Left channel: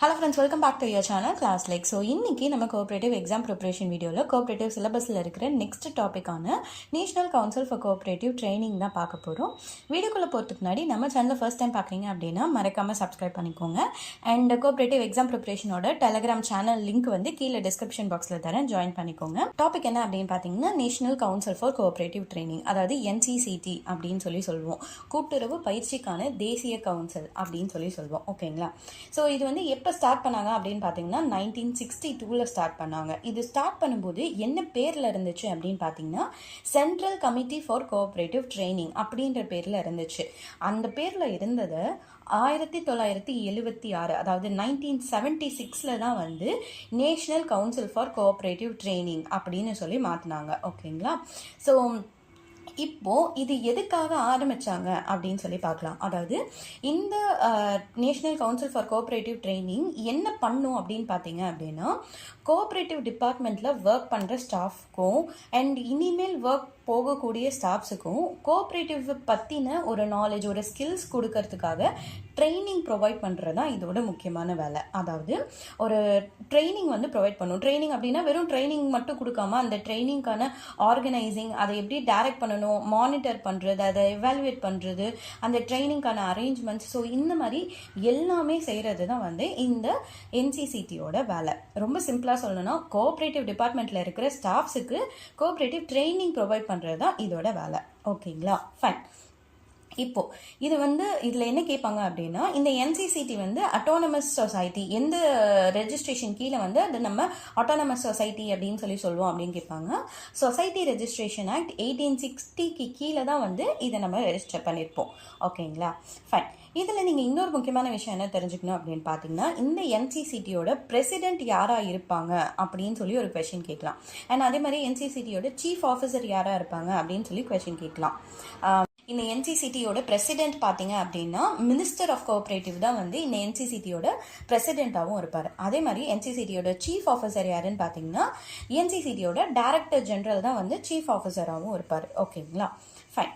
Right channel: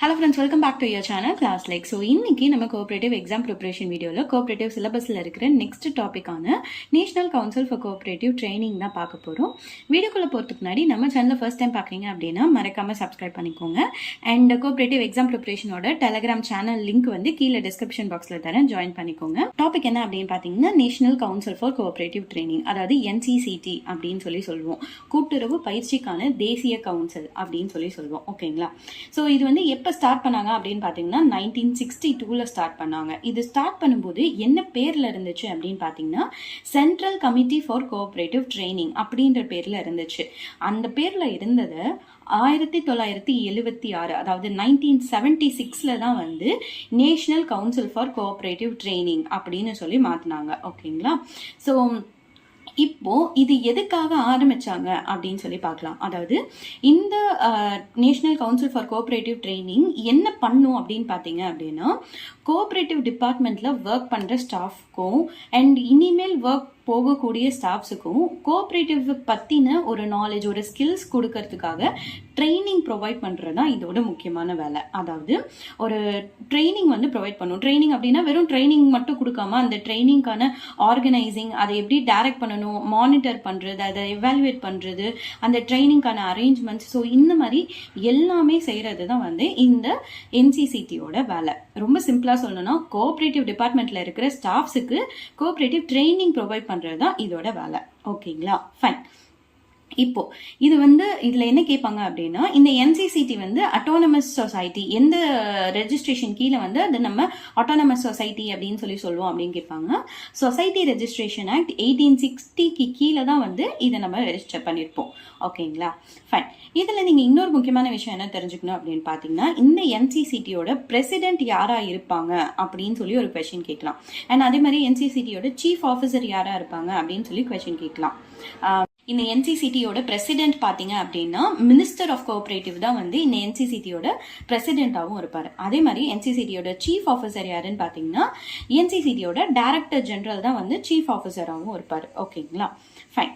Hello friends, welcome back to your channel Class Like. So இன்னைக்கு நம்ம cooperative exam preparation videoல cooperative syllabusல இருக்கிற next topic ஆன National Council for Cooperative Training தான் பார்க்க போறோம். வீடியோக்குள்ள போறதுக்கு முன்னாடி நம்ம சேனலை ஃபர்ஸ்ட் டைம் பார்க்கறீங்க அப்படின்னா மறக்காம subscribe பண்ணிக்கோங்க. And cooperative exam preparation ஓட Telegram channel link வந்து கீழ description boxல தரேன், join பண்ணிக்கோங்க. டாபிக் என்ன அப்படின்னு பார்த்தீங்கன்னா National Council for Cooperative Training, அதாவது NCCT அப்படின்னு சொல்லுவோம். கூட்டுறவு பயிற்சிக்கான தேசிய கவுன்சில் அப்படின்னு சொல்லுவோம். ஓகேங்களா? ஸோ இது வந்து எப்போ ஸ்டார்ட் பண்ணாங்க அப்படின்னு பார்த்தீங்கன்னா 1962ல ஸ்டார்ட் பண்ணாங்க. இது ஸ்டார்ட் பண்ணும்போது என்ன பேர்ல இருந்துச்சு அப்படின்னு பார்த்தீங்கன்னா central committee for cooperative training அப்படின்ற பேர்ல இருந்துச்சு. அந்த பேர்ல இருந்ததை 1976, அதாவது 1976ல தான் வந்து national council for cooperative training அப்படின்னு சொல்லி மாற்றினாங்க. ஓகேங்களா? ஸோ இப்போ இது எதுக்காக ஆரம்பிச்சாங்க அப்படின்னு சொல்லி பார்க்கலாம். அதாவது இந்த national council for cooperative training என்ன பண்ணும் அப்படின்னு பார்த்தீங்க அப்படின்னா கோஆபரேட்டிவ் டிபார்ட்மெண்ட்ல ஒர்க் பண்ற ஸ்டாஃப்க்கும் அண்ட் இனிமேல் ஒர்க் போகக்கூடிய ஸ்டாஃப்ஸுக்கும் கோஆபரேட்டிவ் பற்றின ஒரு நாலேஜ், ஒரு ஸ்கில்ஸ் கொடுக்கறதுக்காக ட்ரைனிங் ப்ரொவைட் பண்ணுறது தான் இதோட முக்கியமான வேலை. அதாவது ஒரு ட்ரைனிங் வந்து ப்ரொவைட் பண்ணும். ட்ரைனிங் அப்படின்னா வெறும் ட்ரைனிங் மட்டும் கொடுக்காம அந்த ட்ரைனிங்கான ஆர்கனைசிங், அதை எப்படி டைரக்ட் பண்ணணும், மானிட்டர் பண்ணுறது, அதை எவாலுவேட் பண்ணுறது, அந்த ட்ரைனிங்கான அரேஞ்ச்மெண்ட்ஸ், ஸோ இந்த மாதிரி எல்லாமே செய்கிறது தான் வந்து இந்த என்சிசிடியோட வேலை. ரொம்ப சிம்பிளாக சொல்லணும்னா கோஆபரேட்டிவ் டிபார்ட்மெண்ட்டில் இருக்கிற ஸ்டாஃப்ஸுக்கு கோஆபரேட்டிவ் ட்ரைனிங் ப்ரொவைட் பண்ணுறது தான் இதோட வேலை. ஓகேங்களா? ஃபைன். இப்போ இது வந்து இதுல என்ன கேட்பாங்க அப்படின்னா இந்த என்சிசிடி வந்து அட்டானமஸ் சொசைட்டி, எந்த ரெஜிஸ்ட்ரேஷன் கீழே வந்து அது நம்ம அட்டானமஸ் சொசைட்டி அப்படின்னு சொல்லுவோம் அப்படின்னு கேட்பாங்க. சொசைட்டி ரெஜிஸ்ட்ரேஷன் ஆக்ட் 1860க்கு கீழே தான் வந்து இதை நம்ம ரெஜிஸ்டர் பண்ணியிருப்போம். ஓகேங்களா? ஃபைன். இதுல நீங்க இன்னொரு முக்கியமான விஷயம் என்ன தெரிஞ்சுக்கணும் அப்படின்னு பாத்தீங்கன்னா இந்த என்சிசிடியோட பிரசிடென்ட் யாரா இருப்பாங்க அப்படின்னு சொல்லி ஒரு கொஸ்டின் கேட்கலாம். அண்ட் அதே மாதிரி என்சிசிடியோட சீஃப் ஆஃபீஸர் யாரா இருப்பாங்க அப்படின்னு சொல்லி கொஸ்டின் கேட்கலாம். இந்த என்சிசிடியோட பிரசிடென்ட் பார்த்தீங்க அப்படின்னா மினிஸ்டர் ஆஃப் கோஆபரேட்டிவ் தான் வந்து இந்த என்சிசிடியோட பிரசிடென்ட்டாகவும் இருப்பார். அதே மாதிரி என்சிசிடியோட சீஃப் ஆஃபீஸர் யாருன்னு பார்த்தீங்கன்னா என்சிசிடியோட டைரக்டர் ஜெனரல் தான் வந்து சீஃப் ஆஃபீஸராகவும் இருப்பார். ஓகேங்களா? ஃபைன்.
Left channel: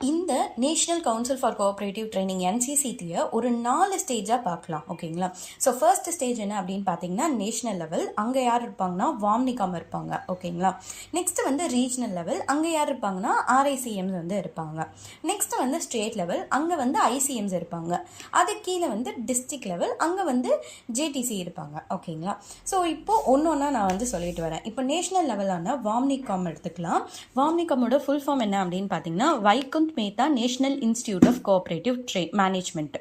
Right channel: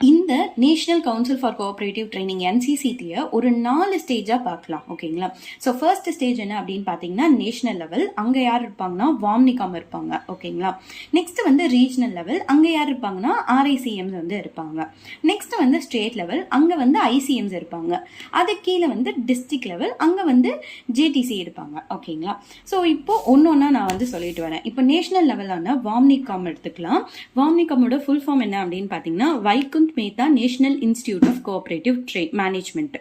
இந்த national council for cooperative training என்சிசிடியை ஒரு 4 ஸ்டேஜாக பார்க்கலாம். ஓகேங்களா? ஸோ ஃபர்ஸ்ட் ஸ்டேஜ் என்ன அப்படின்னு பார்த்தீங்கன்னா நேஷனல் லெவல், அங்கே யார் இருப்பாங்கன்னா வாம்னிகாம் இருப்பாங்க. ஓகேங்களா? நெக்ஸ்ட் வந்து ரீஜனல் லெவல், அங்கே யார் இருப்பாங்கன்னா ஆர்ஐசிஎம்ஸ் வந்து இருப்பாங்க. நெக்ஸ்ட் வந்து ஸ்டேட் லெவல், அங்கே வந்து ஐசிஎம்ஸ் இருப்பாங்க. அது கீழே வந்து டிஸ்ட்ரிக்ட் லெவல், அங்கே வந்து ஜேடிசி இருப்பாங்க. ஓகேங்களா? ஸோ இப்போ ஒன்னொன்னா நான் வந்து சொல்லிட்டு வரேன். இப்போ நேஷனல் லெவலான வாம்னிகாம் எடுத்துக்கலாம். வாம்னிகாமோட ஃபுல் ஃபார்ம் என்ன அப்படின்னு பார்த்தீங்கன்னா Vaikunth Mehta national institute of cooperative management.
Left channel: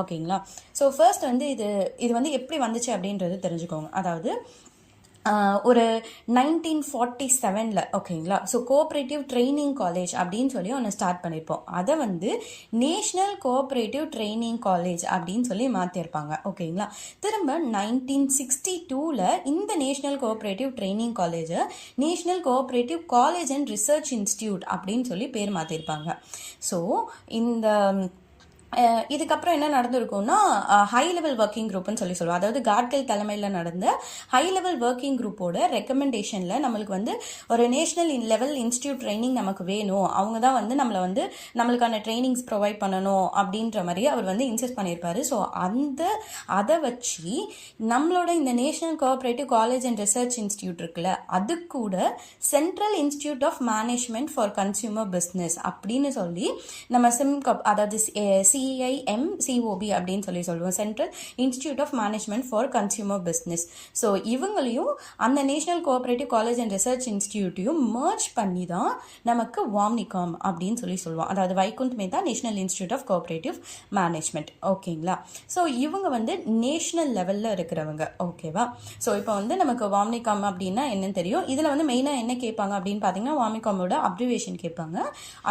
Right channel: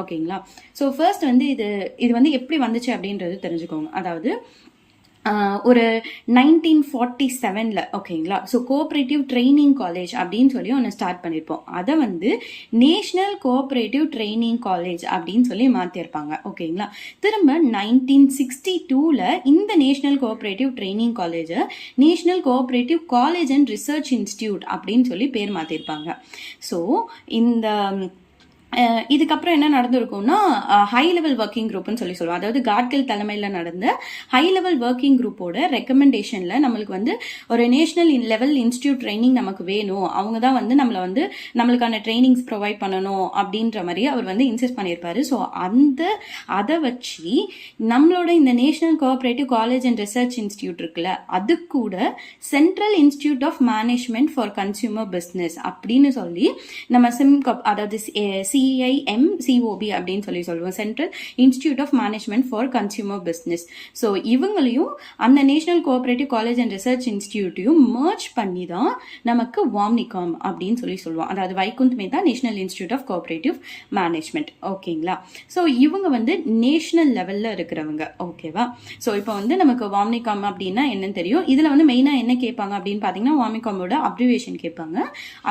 ஓகேங்களா? ஸோ ஃபர்ஸ்ட் வந்து இது வந்து எப்படி வந்துச்சு அப்படின்றது தெரிஞ்சுக்கோங்க. அதாவது ஒரு 1947ல் ஓகேங்களா? ஸோ கோஆபரேட்டிவ் ட்ரைனிங் காலேஜ் அப்படின்னு சொல்லி ஒன்று ஸ்டார்ட் பண்ணியிருப்போம். அதை வந்து நேஷனல் கோஆபரேட்டிவ் ட்ரைனிங் காலேஜ் அப்படின்னு சொல்லி மாற்றிருப்பாங்க. ஓகேங்களா? திரும்ப 1962ல் இந்த நேஷனல் கோஆபரேட்டிவ் ட்ரைனிங் காலேஜை national cooperative college and research institute அப்படின்னு சொல்லி பேர் மாற்றிருப்பாங்க. ஸோ இந்த இதுக்கப்புறம் என்ன நடந்திருக்கும்னா ஹை லெவல் ஒர்க்கிங் குரூப்னு சொல்லுவோம். அதாவது காட்கில் தலைமையில் நடந்த ஹை லெவல் ஒர்க்கிங் குரூப்போட ரெக்கமெண்டேஷனில் நம்மளுக்கு வந்து ஒரு நேஷனல் லெவல் இன்ஸ்டிடியூட் ட்ரைனிங் நமக்கு வேணும், அவங்க தான் வந்து நம்மளுக்கான ட்ரைனிங்ஸ் ப்ரொவைட் பண்ணணும் அப்படின்ற மாதிரி அவர் வந்து இன்சிஸ்ட் பண்ணியிருப்பாரு. ஸோ அதை வச்சு நம்மளோட இந்த national cooperative college and research institute இருக்குல்ல, அது கூட central institute of management for consumer business அப்படின்னு சொல்லி நம்ம சிம்காப், அதாவது CIMCOB அப்படின்னு சொல்லுவோம், central institute of management for consumer business. So இவங்களையும் அந்த national cooperative college and research இன்ஸ்டிடியூட்டையும் மர்ஜ் பண்ணி தான் நமக்கு வாம்னிகாம் அப்படின்னு சொல்லுவோம். அதாவது Vaikunth Mehta national institute of cooperative management. ஓகேங்களா? ஸோ இவங்க வந்து நேஷனல் லெவலில் இருக்கிறவங்க. ஓகேவா? ஸோ இப்போ வந்து நமக்கு வாம்னிகாம் அப்படின்னா என்னன்னு தெரியும். இதில் வந்து மெயினாக என்ன கேட்பாங்க அப்படின்னு பார்த்தீங்கன்னா வாம்னிகாமோட அப்ரிவேஷன் கேட்பாங்க.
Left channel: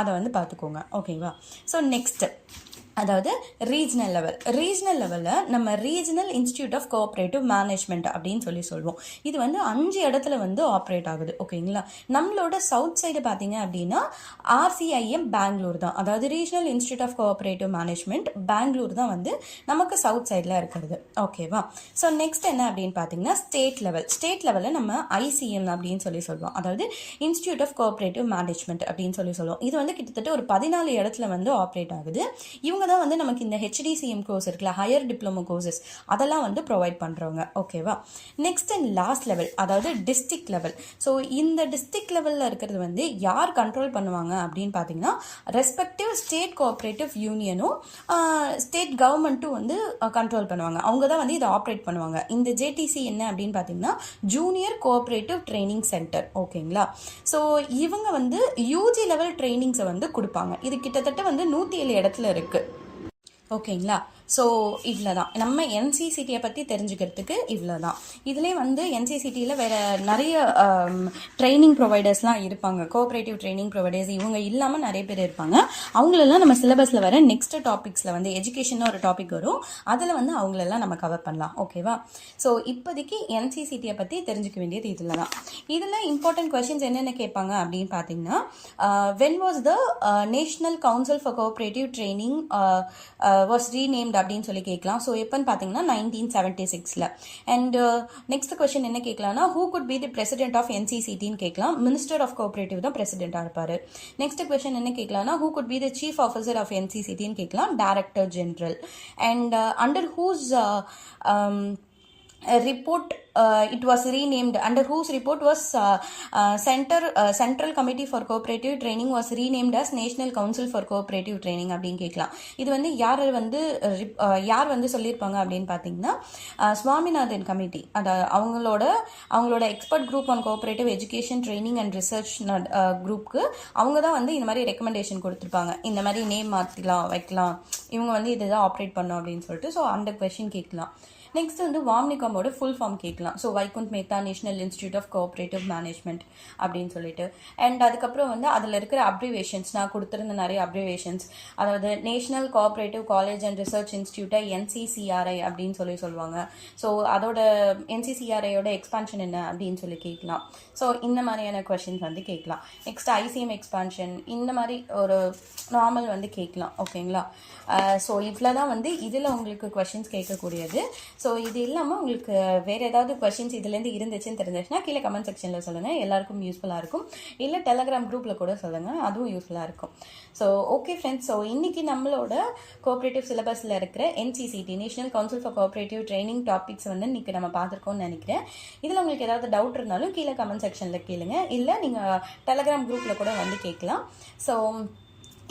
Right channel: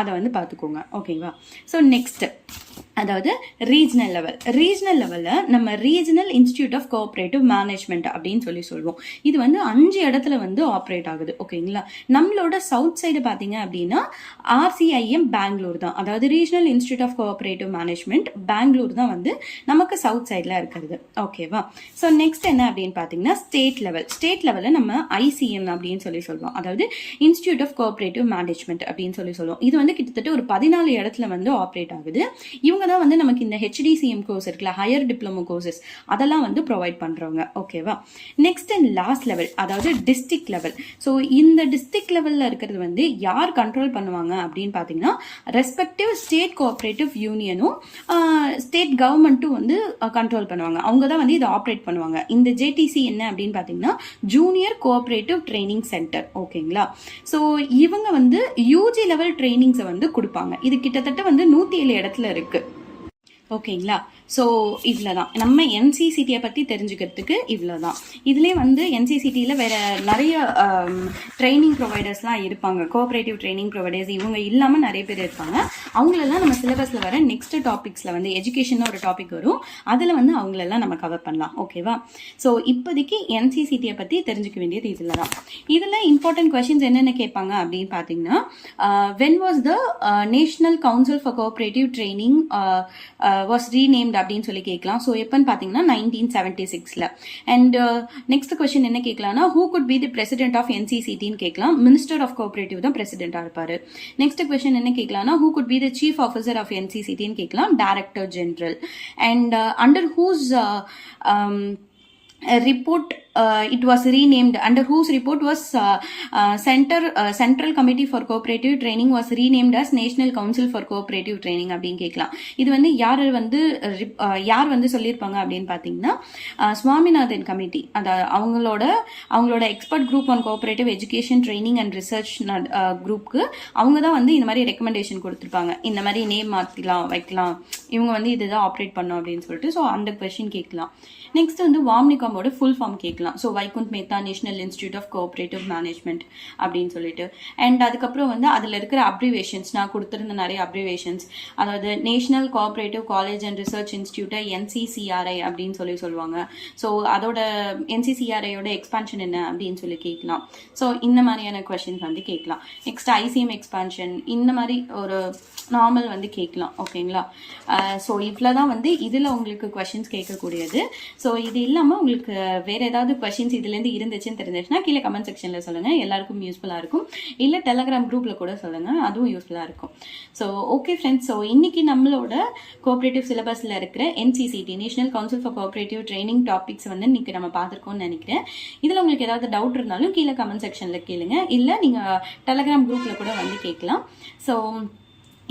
அதை வந்து பார்த்துக்கோங்க. ஓகேவா? ஸோ நெக்ஸ்ட் அதாவது ரீஜனல் லெவலில் நம்ம regional institute of cooperative management அப்படின்னு சொல்லுவோம். இது வந்து 5 இடத்துல வந்து ஆப்ரேட் ஆகுது. ஓகேங்களா? நம்மளோட சவுத் சைடு பார்த்தீங்க அப்படின்னா RCIM பெங்களூர் தான், அதாவது regional institute of cooperative management Bangalore தான் வந்து நமக்கு சவுத் சைடில் இருக்கிறது. ஓகேவா? ஸோ நெக்ஸ்ட் என்ன அப்படின்னு பார்த்தீங்கன்னா ஸ்டேட் லெவலில் நம்ம ICM அப்படின்னு சொல்லுவோம். அதாவது இன்ஸ்டிடியூட் ஆஃப் கோஆபரேட்டிவ் மேனேஜ்மெண்ட் அப்படின்னு சொல்லுவோம். இது வந்து கிட்டத்தட்ட ஒரு 14 இடத்துல வந்து ஆப்ரேட் ஆகுது. இவங்க தான் வந்து நமக்கு இந்த ஹெச்டிசிஎம் கோர்ஸ் இருக்குல்ல, ஹையர் டிப்ளமோ கோர்சஸ், அதெல்லாம் வந்து ப்ரொவைட் பண்ணுறவங்க. ஓகேவா? நெக்ஸ்ட் அண்ட் லாஸ்ட் லெவல், அதாவது டிஸ்ட்ரிக்ட் லெவல். ஸோ இந்த டிஸ்ட்ரிக்ட் லெவலில் இருக்கிறது வந்து யார் கண்ட்ரோல் பண்ணுவாங்க அப்படின்னு பார்த்தீங்கன்னா, ரெஸ்பெக்டிவ் ஸ்டேட் கோஆப்ரேட்டிவ் யூனியனும் ஸ்டேட் கவர்மெண்ட்டும் வந்து கண்ட்ரோல் பண்ணுவாங்க. அவங்க தான் வந்து இதை ஆப்ரேட் பண்ணுவாங்க. இந்த ஜேடிசி என்ன அப்படின்னு பார்த்தீங்கன்னா, ஜூனியர் கோஆப்ரேட்டிவ் ட்ரைனிங் சென்டர். ஓகேங்களா? ஸோ இவங்க வந்து யூஜி லெவல் ட்ரைனிங்ஸை வந்து கொடுப்பாங்க. இது கிட்டத்தட்ட வந்து 107 இடத்துல இருக்கு. ஓகேங்களா? ஸோ இவ்வளோ தான் நம்ம என்சிசிடியை பற்றி தெரிஞ்சுக்கிறதுக்கு இவ்வளோ தான். இதுலேயே வந்து என்சிசிடியில் வேறு நிறைய ட்ரைனிங் ப்ரொவைடர்ஸ்லாம் இருப்பாங்க, கோஆப்ரேட்டிவ் ட்ரைனிங் ப்ரொவைடர்ஸ். இவங்க இல்லாமல் நிறைய பேர் இருப்பாங்க. அவங்களெல்லாம் நம்ம சிலபஸில் வர நெக்ஸ்ட் டாபிக்ஸில் வந்து எஜுகேஷன் ஒரு டாபிக் வரும், அதில் வந்து அவங்களெல்லாம் நம்ம கவர் பண்ணலாம். ஓகேவா? ஸோ இப்போதைக்கு என்சிசிடியை பற்றி தெரிஞ்சுக்க வேண்டியது இதில் தான். இதில் இம்பார்ட்டன்ட் கொஷின்ஸ் என்னென்ன கேட்பாங்க அப்படின்னு பார்த்தீங்கன்னா, when was the national council for cooperative training was renamed அப்படின்னு சொல்லி கேட்கலாம். ஸோ எப்போன்னு பார்த்தீங்கன்னா 1976. அண்ட் நெக்ஸ்ட் கொஸ்டின் என்ன கேட்கலாம்னா, who could be the president of என்சிசிடின்னு கேட்கலாம். மினிஸ்டர் ஆஃப் கோஆப்ரேட்டிவ் தான் பிரசிடென்ட்டாக இருப்பார். நெக்ஸ்ட் கொஸ்டின் என்ன கேட்கலாம்னா, who could be the chief officer of என்சிசிடின்னு கேட்கலாம். Director general. And under whose report it was renamed, under whose report was Central Committee for Cooperative Training was renamed as National Council for Cooperative Training அப்படின்னு கேட்கலாம். இது வந்து யார் வந்து சொல்லியிருப்பாங்க அப்படின்னு பார்த்தீங்கன்னா, சுவாமிநாதன் கமிட்டி, அதாவது அவங்களோட expert group on cooperative education training and research குரூப்க்கு அவங்க தான் வந்து இந்த மாதிரி ரெக்கமெண்டேஷன் கொடுத்துருப்பாங்க. இந்த மாதிரி நேம் மாற்றிக்கலாம், வைக்கலாம், இவங்க வந்து இதுதான் ஆப்ரேட் பண்ணோம் அப்படின்னு சொல்லிட்டு. ஸோ அந்த கொஸ்டின் கேட்கலாம். நெக்ஸ்ட் வந்து வாம்னிகாமோட ஃபுல் ஃபார்ம் கேட்கலாம். So Vaikunth Mehta national institute of cooperative management அப்படின்னு சொல்லிட்டு. அண்ட் அதுக்கப்புறம் வந்து அதில் இருக்கிற அப்ரிவேஷன்ஸ், நான் கொடுத்துருந்த நிறைய அப்ரிவேஷன்ஸ், அதாவது national cooperative college and research இன்ஸ்டியூட்டை NCCRI அப்படின்னு சொல்லுவாங்க. ஸோ அதோட NCCRIயோட எக்ஸ்பான்ஷன் என்ன அப்படின்னு சொல்லி கேட்கலாம். ஸோ இந்த மாதிரியான கொஷின்ஸ் வந்து கேட்கலாம். நெக்ஸ்ட் ICM எக்ஸ்பான்ஷன், இந்த மாதிரி ஒரு நார்மல் வந்து கேட்கலாம். ஓகேங்களா? ஸோ இவ்வளோ தான் வந்து இதில் உங்களுக்கு கொஷின்ஸ் கேட்கக்கூடியது. ஸோ இது இல்லாமல் உங்களுக்கு வேறு ஏதாவது கொஷின்ஸ் இதுலேருந்து இருந்துச்சுன்னு தெரிஞ்சிச்சுன்னா கீழே கமெண்ட் செக்ஷனில் சொல்லுங்கள், எல்லாருக்கும் யூஸ்ஃபுல்லாக இருக்கும். இல்லை டெலகிராம் குரூப்பில் கூட சொல்லுங்கள், அதுவும் யூஸ்ஃபுல்லாக இருக்கும். ஸோ ஓகே ஃப்ரெண்ட்ஸ், ஸோ இன்றைக்கி நம்மளோட கோஆப்ரேட்டிவ் சிலபஸில் இருக்கிற NCCT national council for cooperative training topics வந்து இன்றைக்கி நம்ம பார்த்துருக்கோம்னு நினைக்கிறேன். இதில் உங்களுக்கு ஏதாவது டவுட் இருந்தாலும் கீழே கமெண்ட் செக்ஷனில் கேளுங்க, இல்லை நீங்கள் டெலகிராம் குரூப்பில் கூட வந்து கேட்கலாம். ஸோ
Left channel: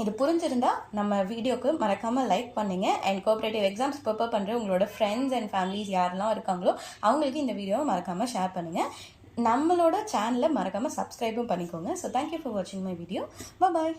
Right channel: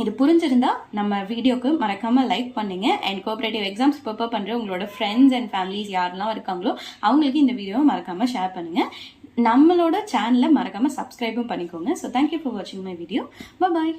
இது புரிஞ்சிருந்தா நம்ம வீடியோக்கு மறக்காமல் லைக் பண்ணுங்க. அண்ட் கோஆப்ரேட்டிவ் எக்ஸாம்ஸ் ப்ரிப்பேர் பண்ணுற உங்களோட ஃப்ரெண்ட்ஸ் அண்ட் ஃபேமிலிஸ் யாரெல்லாம் இருக்காங்களோ அவங்களுக்கு இந்த வீடியோவை மறக்காமல் ஷேர் பண்ணுங்கள். நம்மளோட சேனலை மறக்காமல் சப்ஸ்கிரைபும் பண்ணிக்கோங்க. ஸோ தேங்க்யூ ஃபார் வாட்சிங் மை வீடியோ. பாய்.